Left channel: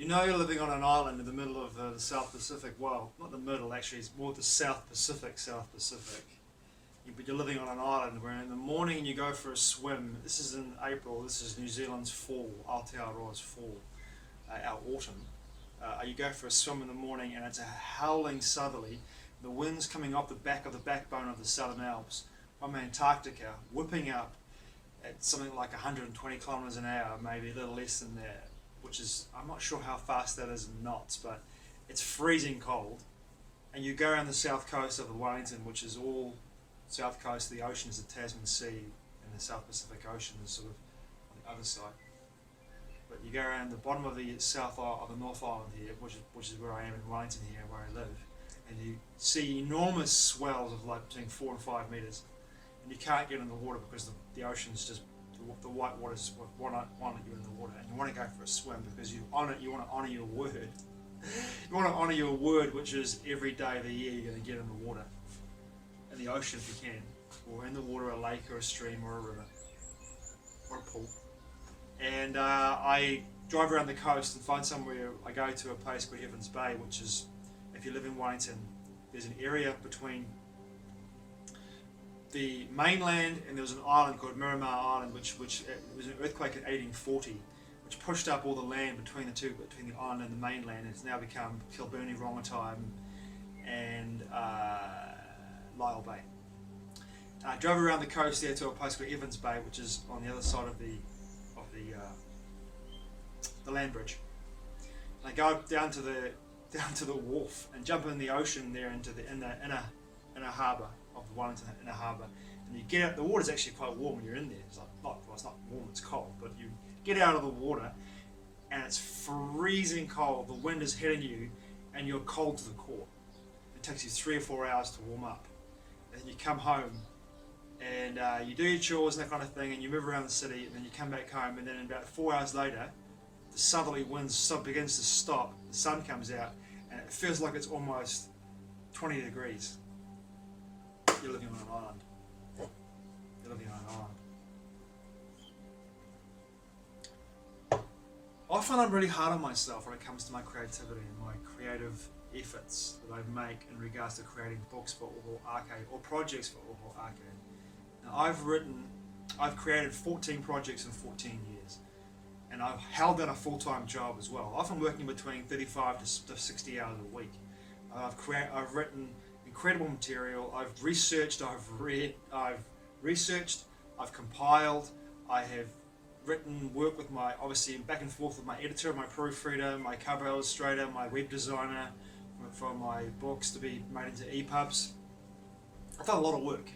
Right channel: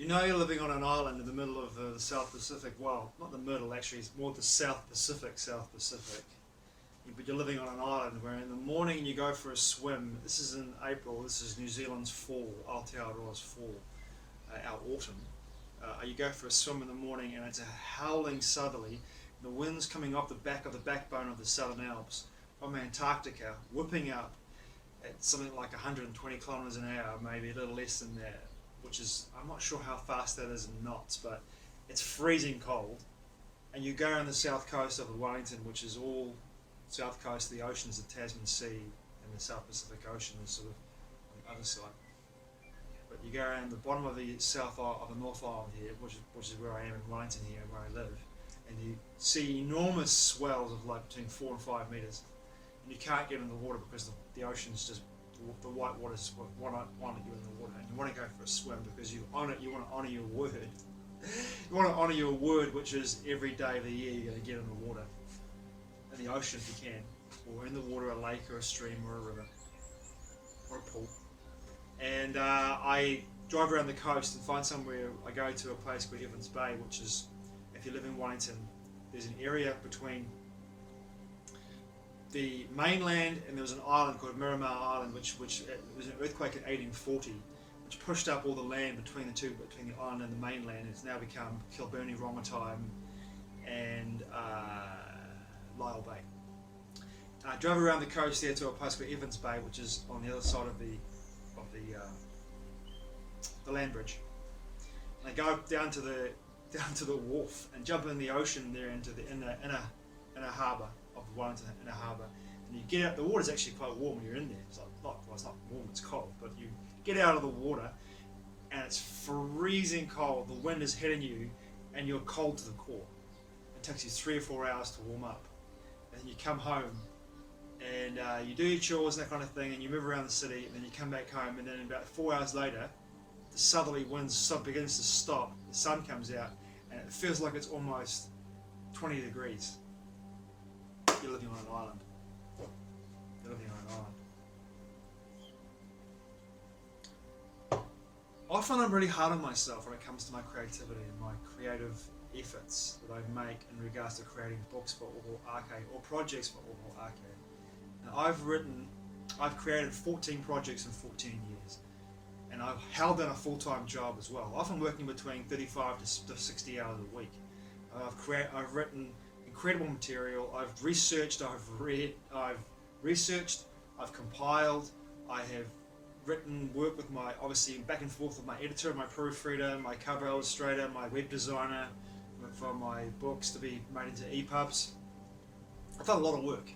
You know you're living on an island in the middle of the South Pacific. Well, not the middle, actually, it's more the South Pacific, South Pacific. But you're living on an island where in the morning you go for a swim. This is in April, this is New Zealand's fall, Aotearoa's fall, our autumn. You go for a swim in the morning and it's a howling southerly. The wind's coming off the back of the backbone of the Southern Alps from Antarctica, whipping up at something like 120 kilometers an hour, maybe a little less than that, which is, I'm not sure how fast that is in knots, but it's freezing cold. And you go around the south coast of Wellington, which is all south coast of the ocean is the Tasman Sea, and the South Pacific Ocean is sort of on the other side. But you go around the bottom of the of the North Island here, which is where I am in Wellington here, where I live, and you see enormous swells of like between 4 and 5 meters, and you can't get in the water because the ocean's just the white waters won't let you in the water, and you want to go for a swim because you want to honour your word. You want to honour your word, which is every day of the year you're going to get in the water, in the ocean if you can, or in the water, a lake or a stream or a river or a pool. And I drive around the coast and find somewhere. I go to a place called Evans Bay, which is, if you live in Wellington, there's an area between the mainland and there was an island called Miramar Island, which was an earthquake in 1840, which pushed up all the land between the island and the mainland. It's now become Kilburnie, Rongotai, and Lyell Bay. I drove around the coast there to a place called Evans Bay, which is on the other side of the land bridge. And I go down to the wharf and jump in the ocean there into the inner harbour of Wellington inner harbour. And you get out. The water's actually quite warm when you're in there. It's like it's not warm, it's cold. But you get out of the water, and it's freezing cold. The wind is hitting you, and you're cold to the core. It takes you 3 or 4 hours to warm up. And you come home, and you do your chores and that kind of thing, and you move around the city, and then you come back home, and then about 4 hours later, the southerly winds begins to stop, the sun comes out, and it feels like it's almost 20 degrees. You're living on an island. You're living on an island. Often I'm really hard on myself when it comes to my creativity and my creative efforts that I make in regards to creating books for Oho Arcade or projects for Oho Arcade. Now I've created 14 projects in 14 years, and I've held down a full-time job as well, often working between 35 to 60 hours a week. I've written incredible material, I've researched, I've read, I've compiled, I have written, work with my, obviously back and forth with my editor, my proofreader, my cover illustrator, my web designer for my books to be made into EPUBs. I've done a lot of work,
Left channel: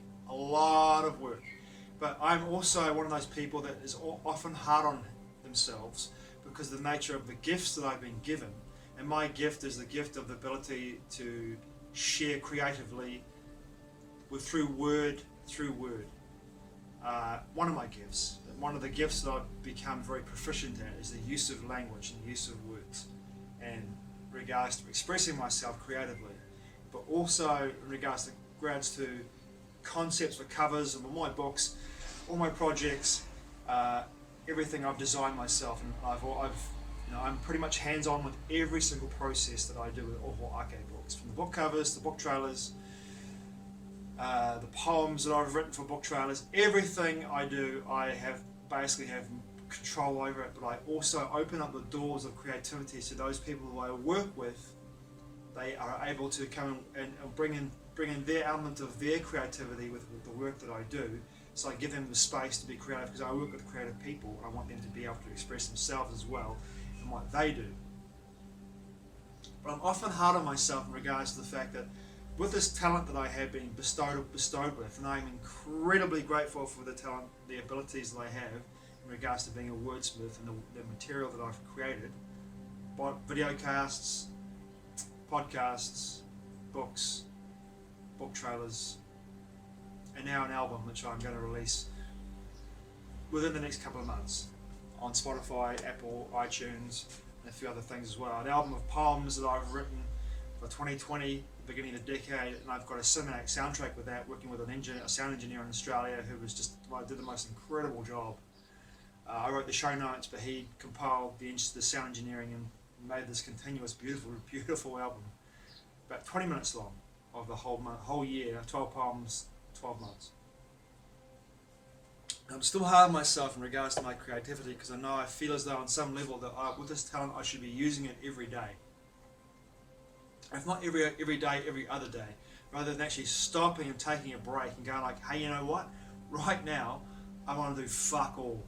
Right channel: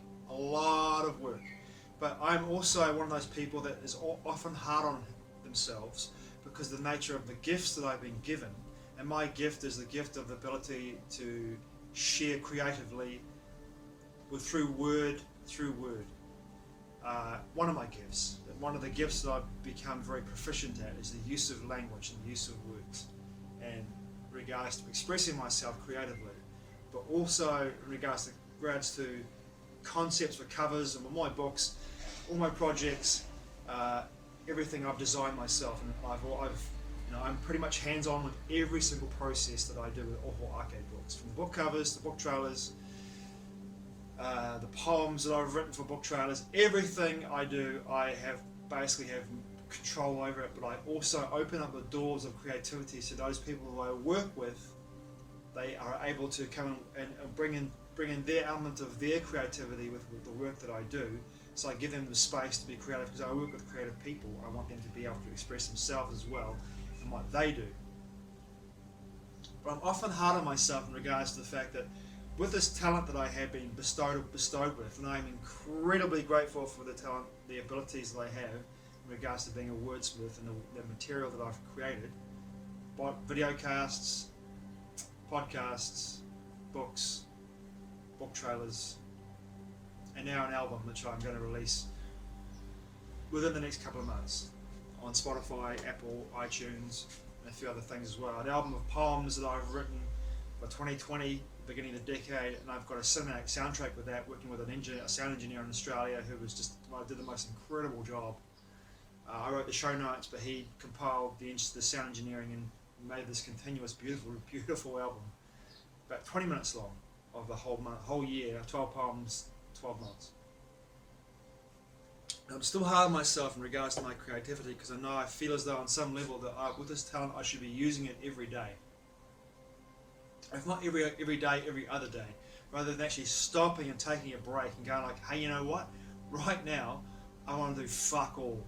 but I'm also one of those people that is often hard on themselves because of the nature of the gifts that I've been given, and my gift is the gift of the ability to share creatively through word. One of my gifts, one of the gifts that I've become very proficient at is the use of language and the use of words, and in regards to expressing myself creatively, but also in regards to concepts for covers and my books, all my projects, everything I've designed myself, and I'm pretty much hands-on with every single process that I do with Oho Arcade books, from the book covers, the book trailers, the poems that I've written for book trailers. Everything I do, I basically have control over it, but I also open up the doors of creativity to those people who I work with. They are able to come and bring in their element of their creativity with the work that I do. So I give them the space to be creative because I work with creative people. I want them to be able to express themselves as well in what they do. But I'm often hard on myself in regards to the fact that with this talent that I have been bestowed with, and I'm incredibly grateful for the talent, the abilities that I have in regards to being a wordsmith and the material that I've created, video casts, podcasts, books, book trailers, and now an album which I'm going to release within the next couple of months on Spotify, Apple, iTunes, and a few other things as well. An album of poems that I've written for 2020, beginning of the decade, and I've got a cinematic soundtrack with that, working with a sound engineer in Australia who did the most incredible job. I wrote the show notes, but he compiled the sound engineering and made this continuous, beautiful album, about 20 minutes long, of the whole year, 12 poems, 12 months. I'm still hard on myself in regards to my creativity, because I feel as though on some level that with this talent I should be using it every day. If not every day, every other day, rather than actually stopping and taking a break and going like, hey, you know what? Right now, I want to do fuck all.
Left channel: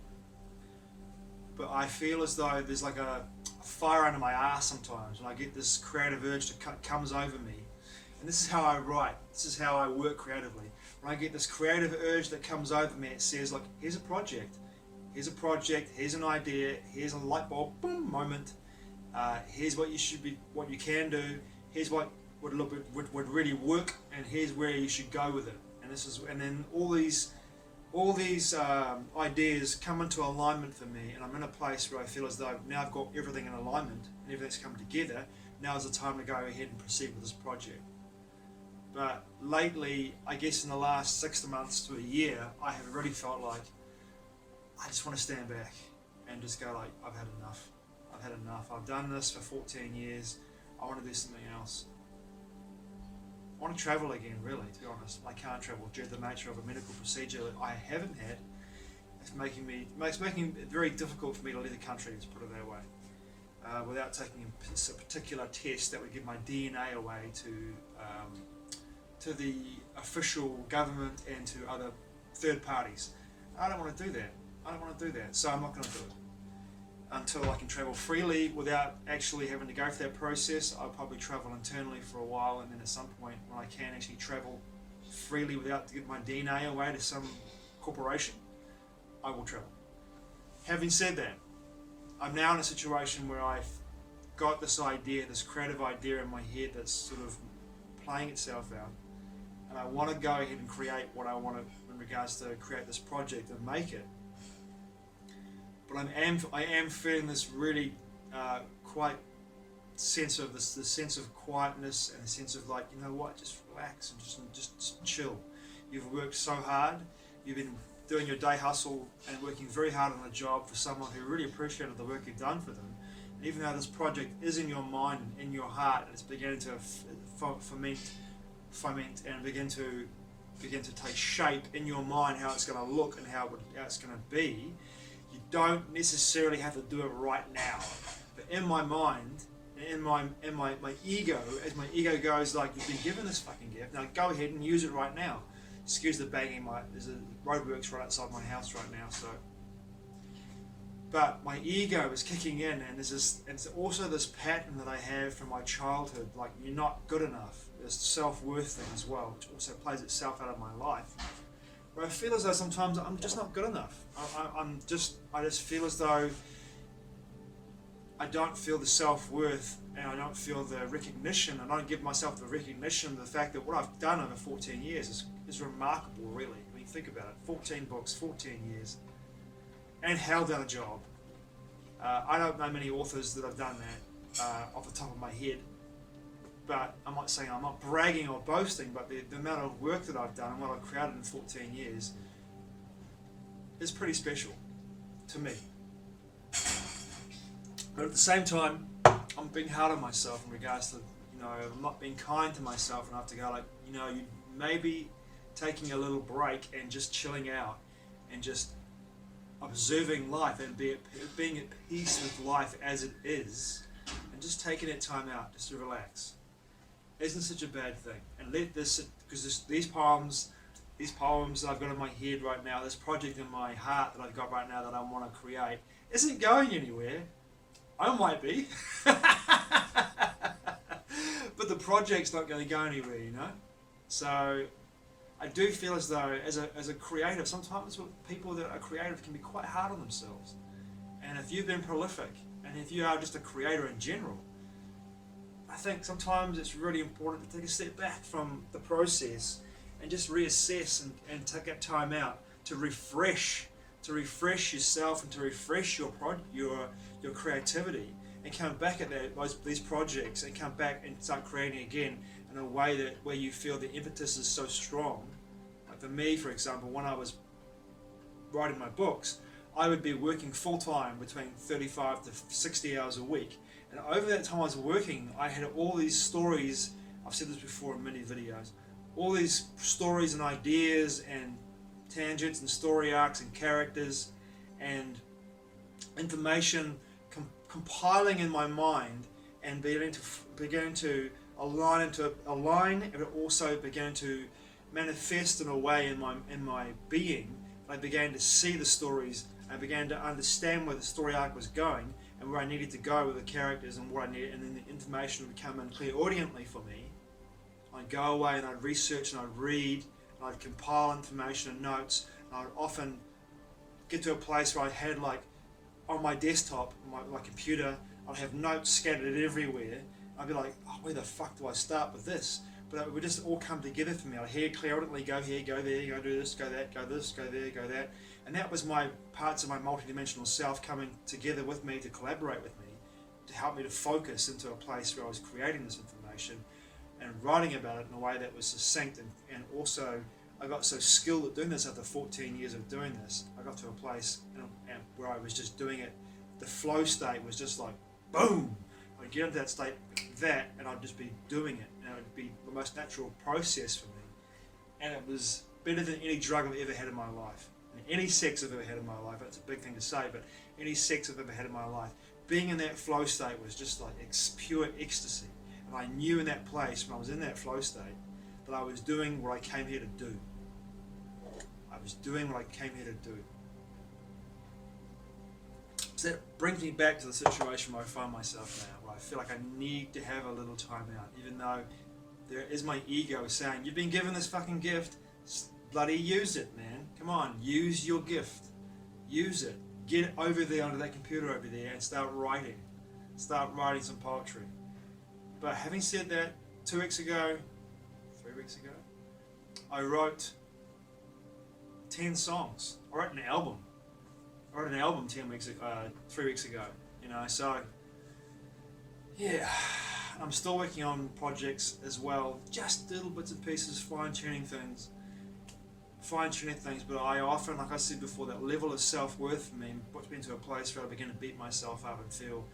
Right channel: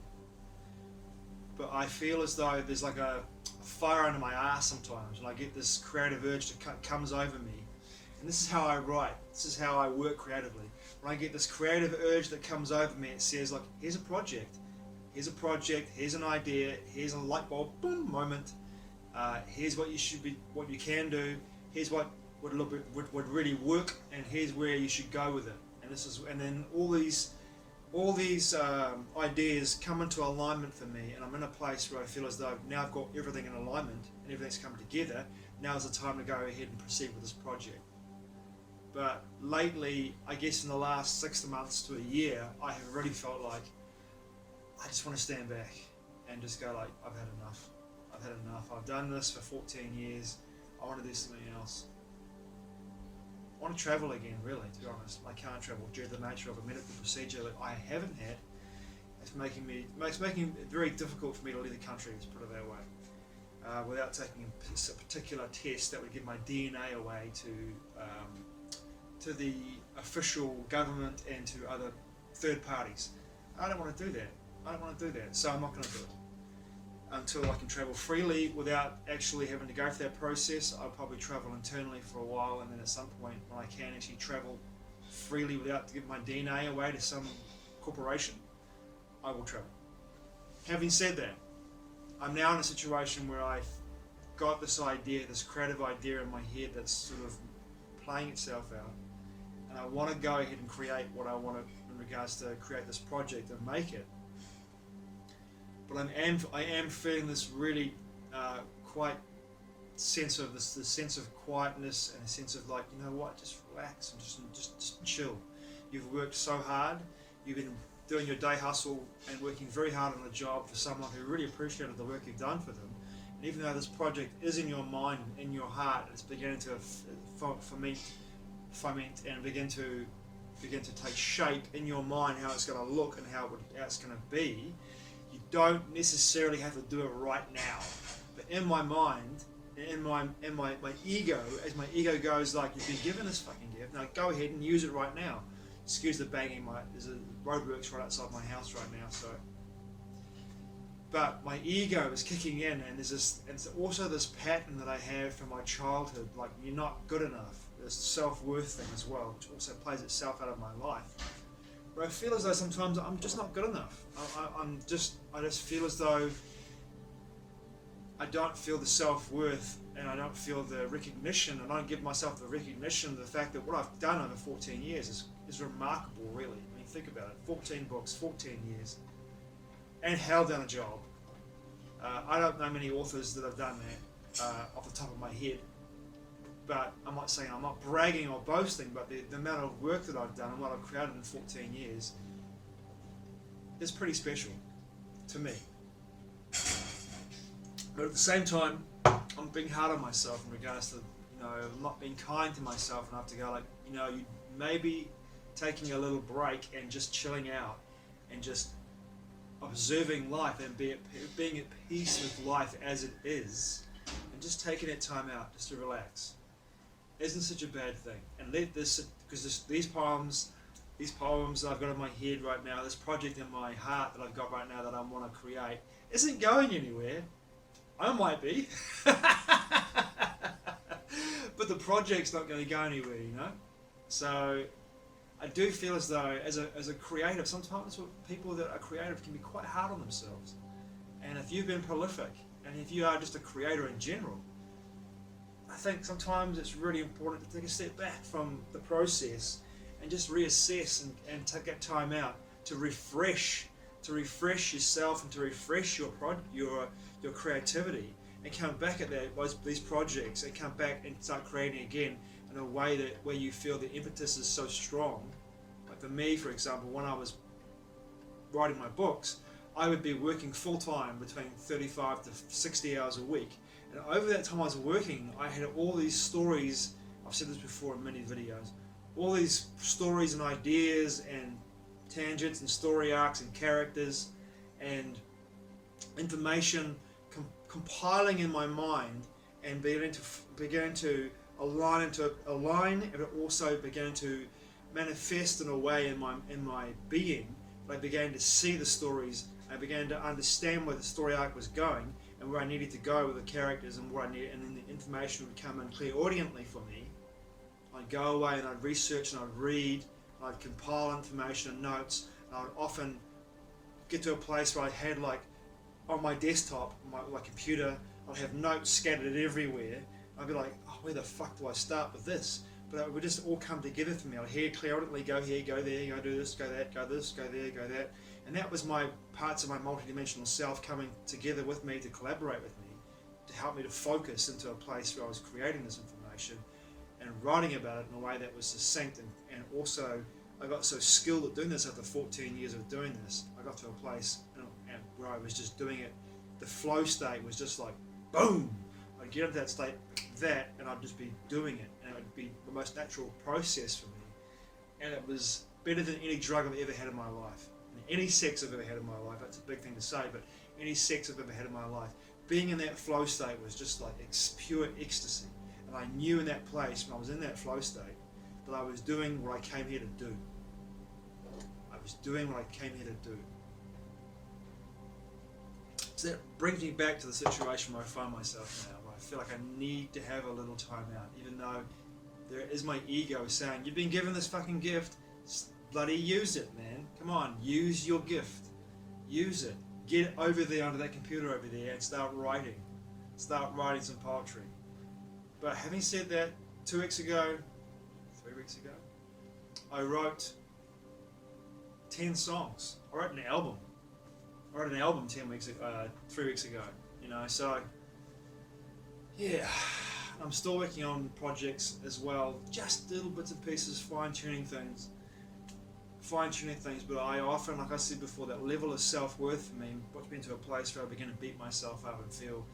But I feel as though there's like a fire under my ass sometimes, and I get this creative urge to comes over me. And this is how I write. This is how I work creatively. When I get this creative urge that comes over me, it says like, here's a project, here's an idea, here's a light bulb, boom, moment. Here's what you can do. Here's what would really work, and here's where you should go with it. And then all these ideas come into alignment for me, and I'm in a place where I feel as though now I've got everything in alignment and everything's come together. Now is the time to go ahead and proceed with this project. But lately, I guess in the last 6 months to a year, I have really felt like I just want to stand back and just go like, I've had enough. I've done this for 14 years. I want to do something else. I want to travel again, really, to be honest. I can't travel due to the nature of a medical procedure that I haven't had. It's making it very difficult for me to leave the country, let's put it that way, without taking a particular test that would give my DNA away to the official government and to other third parties. I don't want to do that. So I'm not going to do it. Until I can travel freely without actually having to go through that process, I'll probably travel internally for a while, and then at some point when I can actually travel freely without giving my DNA away to some corporation, I will travel. Having said that, I'm now in a situation where I've got this idea, this creative idea in my head that's sort of playing itself out, and I want to go ahead and create what I want to in regards to create this project and make it. But I am feeling this really quite sense of this sense of quietness, and a sense of like, you know what, just relax and just chill. You've worked so hard, you've been doing your day hustle and working very hard on a job for someone who really appreciated the work you've done for them. And even though this project is in your mind and in your heart, and it's beginning to foment and begin to take shape in your mind, how it's going to look and how it's going to be. You don't necessarily have to do it right now, but in my mind, in my ego, as my ego goes like, you've been given this fucking gift, now go ahead and use it right now. Excuse the banging, there's a roadworks right outside my house right now, so. But my ego is kicking in, and there's also this pattern that I have from my childhood, like, you're not good enough. This self-worth thing as well, which also plays itself out of my life, where I feel as though sometimes I'm just not good enough. I just feel as though I don't feel the self-worth, and I don't feel the recognition. I don't give myself the recognition of the fact that what I've done over 14 years is remarkable, really. I mean, think about it. 14 books, 14 years, and held down a job. I don't know many authors that have done that off the top of my head. But I'm not bragging or boasting, but the amount of work that I've done and what I've created in 14 years is pretty special to me. But at the same time, I'm being hard on myself in regards to, I'm not being kind to myself enough to go like, you maybe taking a little break and just chilling out and just observing life and being at peace with life as it is, and just taking that time out just to relax isn't such a bad thing. And let this, because these poems that I've got in my head right now, this project in my heart that I've got right now that I want to create, isn't going anywhere. I might be, but the project's not going to go anywhere, So I do feel as though, as a creative, sometimes people that are creative can be quite hard on themselves. And if you've been prolific, and if you are just a creator in general, I think sometimes it's really important to take a step back from the process and just reassess and take that time out to refresh yourself and to refresh your creativity, and come back at these projects and come back and start creating again in a way where you feel the impetus is so strong. Like for me, for example, when I was writing my books, I would be working full time between 35 to 60 hours a week, And over that time I was working, I had all these stories. I've said this before in many videos. All these stories and ideas and tangents and story arcs and characters and information compiling in my mind and beginning to align, and it also began to manifest in a way in my being. I began to see the stories. I began to understand where the story arc was going and where I needed to go with the characters and what I needed, and then the information would come in clairaudiently for me. I'd go away and I'd research and I'd read and I'd compile information and notes, and I would often get to a place where I had, like, on my desktop, my computer, I'd have notes scattered everywhere. I'd be like, oh, where the fuck do I start with this? But it would just all come together for me. I'd hear clairaudiently, go here, go there, go do this, go that, go this, go there, go that. And that was my parts of my multidimensional self coming together with me to collaborate with me, to help me to focus into a place where I was creating this information and writing about it in a way that was succinct. And also, I got so skilled at doing this after 14 years of doing this. I got to a place where I was just doing it. The flow state was just like, boom! I'd get into that state like that, and I'd just be doing it. And it would be the most natural process for me. And it was better than any drug I've ever had in my life. And any sex I've ever had in my life. That's a big thing to say, but any sex I've ever had in my life. Being in that flow state was just like pure ecstasy. And I knew in that place, when I was in that flow state, that I was doing what I came here to do. I was doing what I came here to do. So that brings me back to the situation where I find myself now, where I feel like I need to have a little time out, even though there is my ego saying, you've been given this fucking gift, bloody use it, man. Come on, use your gift. Use it. Get over there onto that computer over there and start writing. Start writing some poetry. But having said that, 3 weeks ago, I wrote 10 songs. I wrote an album. I wrote an album 3 weeks ago. You know, so yeah, I'm still working on projects as well, just little bits and pieces, fine-tuning things. But I often, like I said before, that level of self-worth for me puts me into a place where I begin to beat myself up and feel,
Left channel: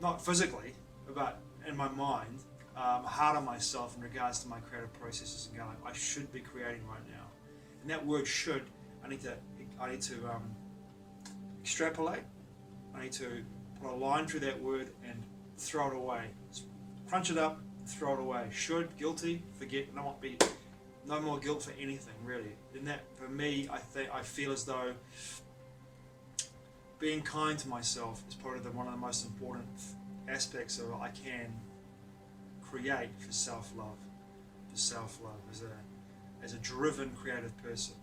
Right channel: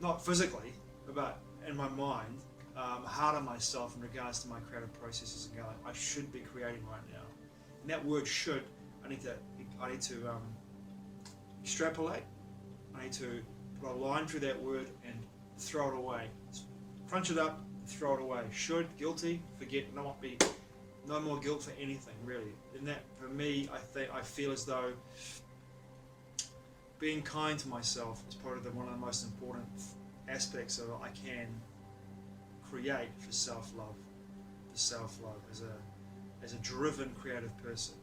not physically, but in my mind, hard on myself in regards to my creative processes and going, I should be creating right now. And that word should, I need to extrapolate. I need to put a line through that word and throw it away. Crunch it up, throw it away. Should, guilty, forget, no more guilt for anything, really. And that, for me, I feel as though being kind to myself is probably one of the most important aspects of what I can create for self-love. As a driven, creative person.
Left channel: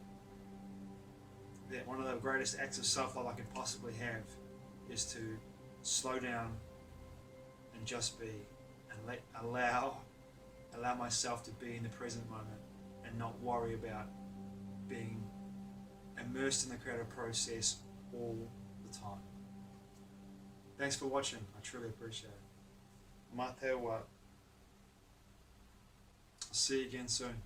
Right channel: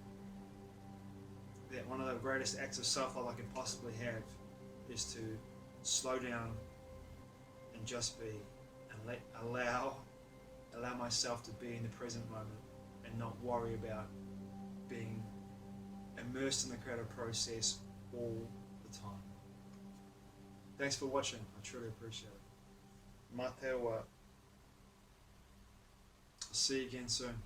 That one of the greatest acts of self-love I can possibly have is to slow down and just be, and allow myself to be in the present moment and not worry about being immersed in the creative process all the time. Thanks for watching. I truly appreciate it. Mā te wā. I'll see you again soon.